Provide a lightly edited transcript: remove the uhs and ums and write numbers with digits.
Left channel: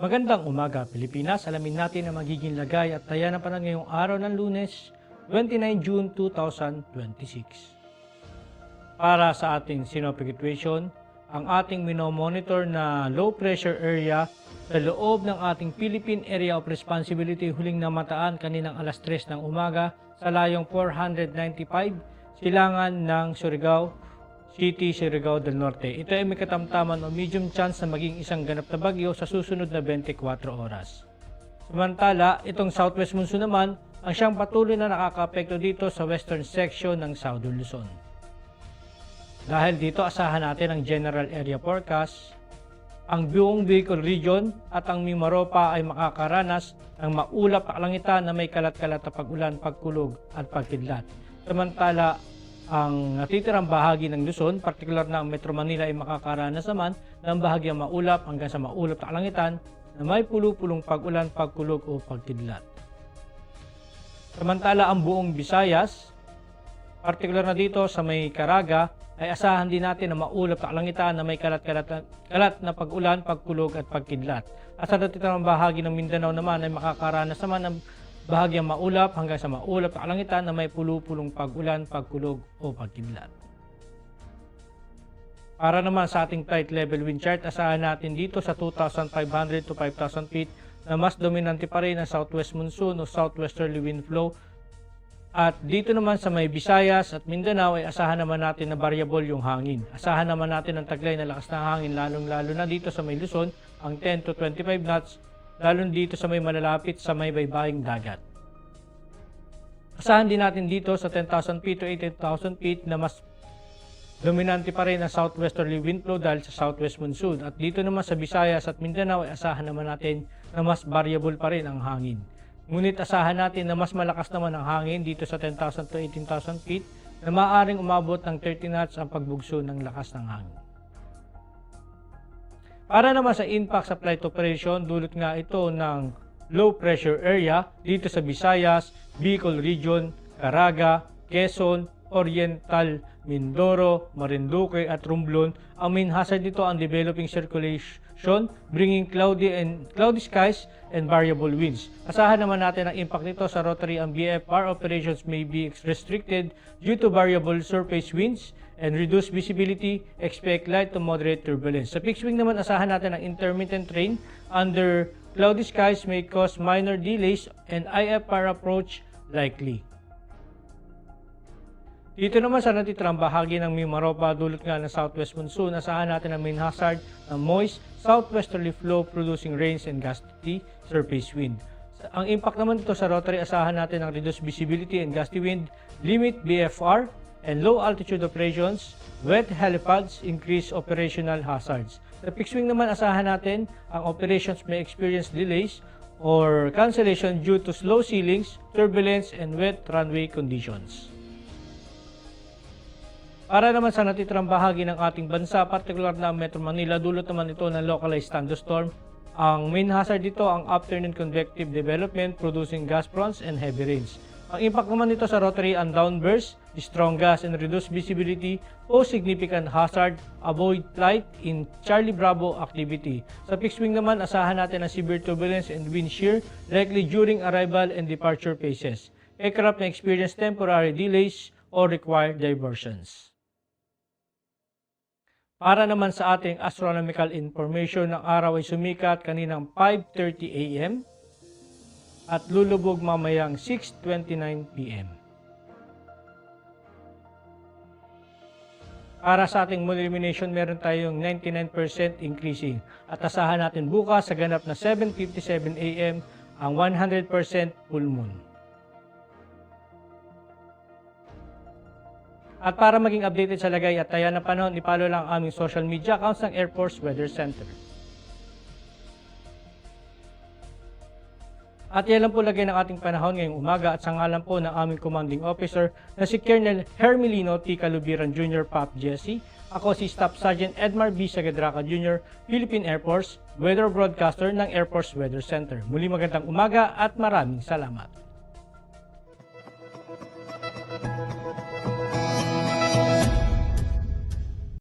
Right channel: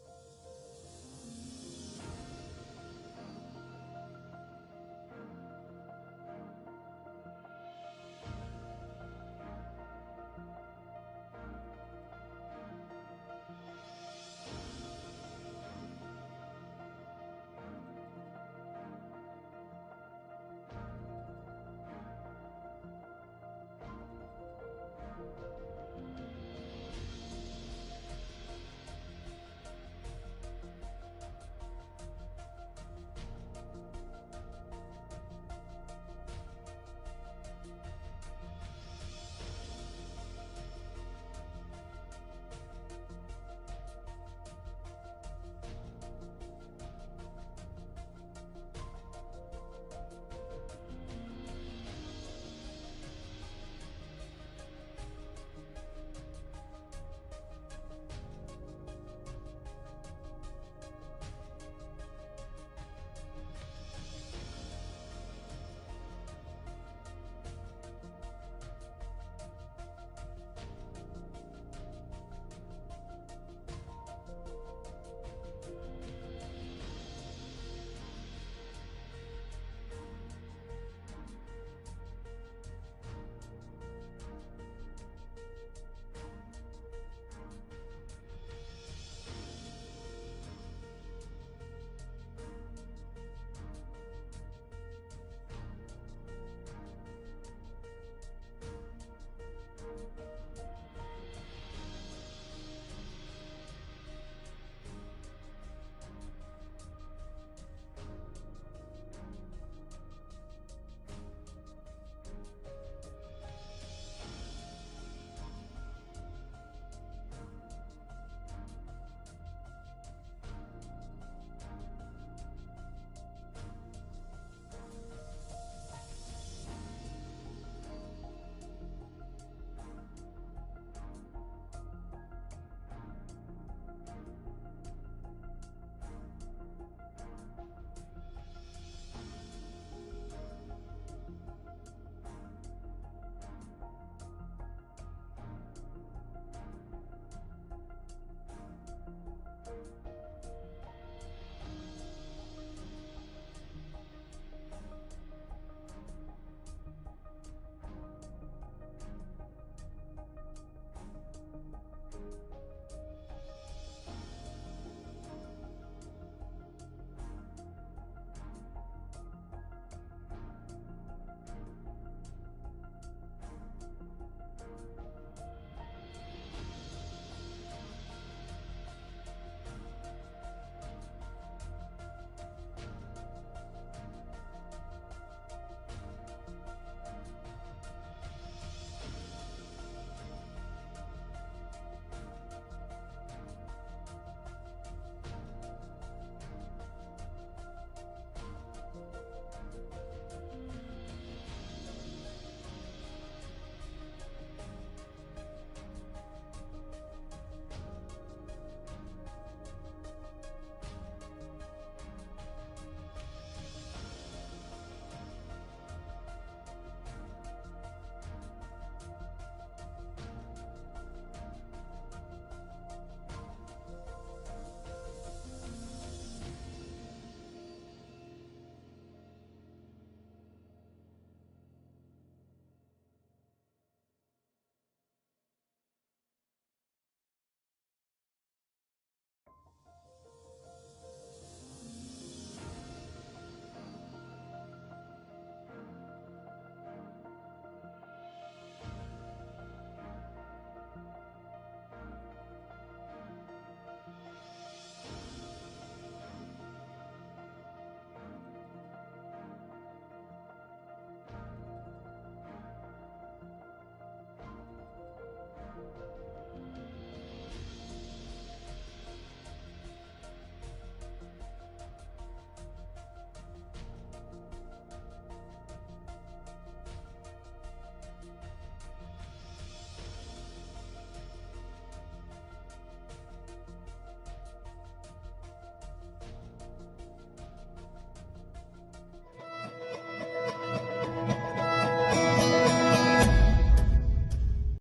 Magandang umaga, Pilipinas. Alamin natin ang magiging lagay at taya ng panahon ngayong araw ng Lunes, 29 June 2026. Para sa ating synoptic situation, ang ating minomonitor na low pressure area sa loob ng ating Philippine Area of Responsibility huling namataan kaninang alas 3 ng umaga sa layong 495 silangan ng Surigao City, Surigao del Norte. Ito ay may katamtaman o medium chance na maging isang ganap na bagyo sa susunod na 24 oras. Samantala, itong southwest monsoon naman ang siyang patuloy na nakakaapekto dito sa western section ng Southern Luzon. Dahil dito, asahan natin ang general area forecast. Ang buong Bicol region at ang Mimaropa ay makakaranas ng maulap na kalangitan na may kalat-kalat na pag-ulan, pagkulog at pagkidlat. Samantala, ang natitirang bahagi ng Luzon, partikular na ang Metro Manila, ay makakaranas naman ng bahagyang maulap hanggang sa maulap na kalangitan na may pulo-pulong pag-ulan, pagkulog o pagkidlat. Samantala, ang buong Visayas, partikular na dito sa may Caraga, ay asahan din natin na maulap na kalangitan na may kalat na pag-ulan, pagkulog at pagkidlat. At sa natitirang bahagi ng Mindanao naman ay makakaranas naman ng bahagyang maulap hanggang sa maulap na kalangitan na may pulo-pulong pag-ulan, pagkulog o pagkidlat. Para naman sa ating flight level wind chart, asahan natin dito sa 2,500 to 5,000 feet na mas dominante pa rin ang southwest monsoon o southwesterly wind flow. At dito naman sa may Visayas at Mindanao ay asahan naman natin na variable yung hangin. Asahan naman natin ang taglay na lakas ng hangin lalong-lalo na dito sa may Luzon, ang 10 to 25 knots, lalo dito sa may malalapit sa may baybaying dagat. Asahan din natin dito sa 10,000 feet to 18,000 feet na mas dominante pa rin ang southwesterly wind flow dahil sa southwest monsoon. At dito naman sa Visayas at Mindanao ay asahan naman natin na mas variable pa rin ang hangin. Ngunit asahan natin na mas malakas naman ang hangin dito sa 10,000 to 18,000 feet na maaaring umabot ng 30 knots ang pagbugso ng lakas ng hangin. Para naman sa impact sa flight operation, dulot nga ito ng low pressure area dito sa Visayas, Bicol region, Caraga, Quezon, Oriental, Mindoro, Marinduque at Romblon. Ang main hazard dito ang developing circulation bringing cloudy skies and variable winds. Asahan naman natin ang impact nito sa rotary and VFR operations may be restricted due to variable surface winds and reduced visibility, expect light to moderate turbulence. Sa fixed wing naman, asahan natin ang intermittent rain under cloudy skies may cause minor delays and IFR approach likely. Dito naman sa natitirang bahagi ng Mimaropa, dulot nga ng southwest monsoon, asahan natin ang main hazard ng moist southwesterly flow producing rains and gusty surface wind. Ang impact naman dito sa rotary, asahan natin ang reduced visibility and gusty wind, limit BFR, and low altitude operations, wet helipads, increase operational hazards. Sa fixed wing naman, asahan natin ang operations may experience delays or cancellation due to slow ceilings, turbulence, and wet runway conditions. Para naman sa natitirang bahagi ng ating bansa, partikular na Metro Manila, dulot naman ito ng localized thunderstorm. Ang main hazard dito ang afternoon convective development producing gas fronts and heavy rains. Ang impact naman nito sa rotary and downburst, strong gas and reduced visibility o significant hazard, avoid flight in Charlie Bravo activity. Sa fixed wing naman, asahan natin ang severe turbulence and wind shear likely during arrival and departure phases. Aircraft na experience temporary delays or require diversions. Para naman sa ating astronomical information, ng araw ay sumikat kaninang 5:30 AM at lulubog mamayang 6:29 PM. Para sa ating moon illumination, meron tayong 99% increasing at asahan natin bukas sa ganap na 7:57 AM ang 100% full moon. At para maging updated sa lagay at taya ng panahon, ipalo lang ang aming social media accounts ng Air Force Weather Center. At yan lang po lagay ng ating panahon ngayong umaga at sa ngalan po ng aming commanding officer na si Colonel Hermelino T. Calubiran Jr. Pop Jesse. Ako si Staff Sergeant Edmar B. Sagadraca Jr., Philippine Air Force, Weather Broadcaster ng Air Force Weather Center. Muli magandang umaga at maraming salamat.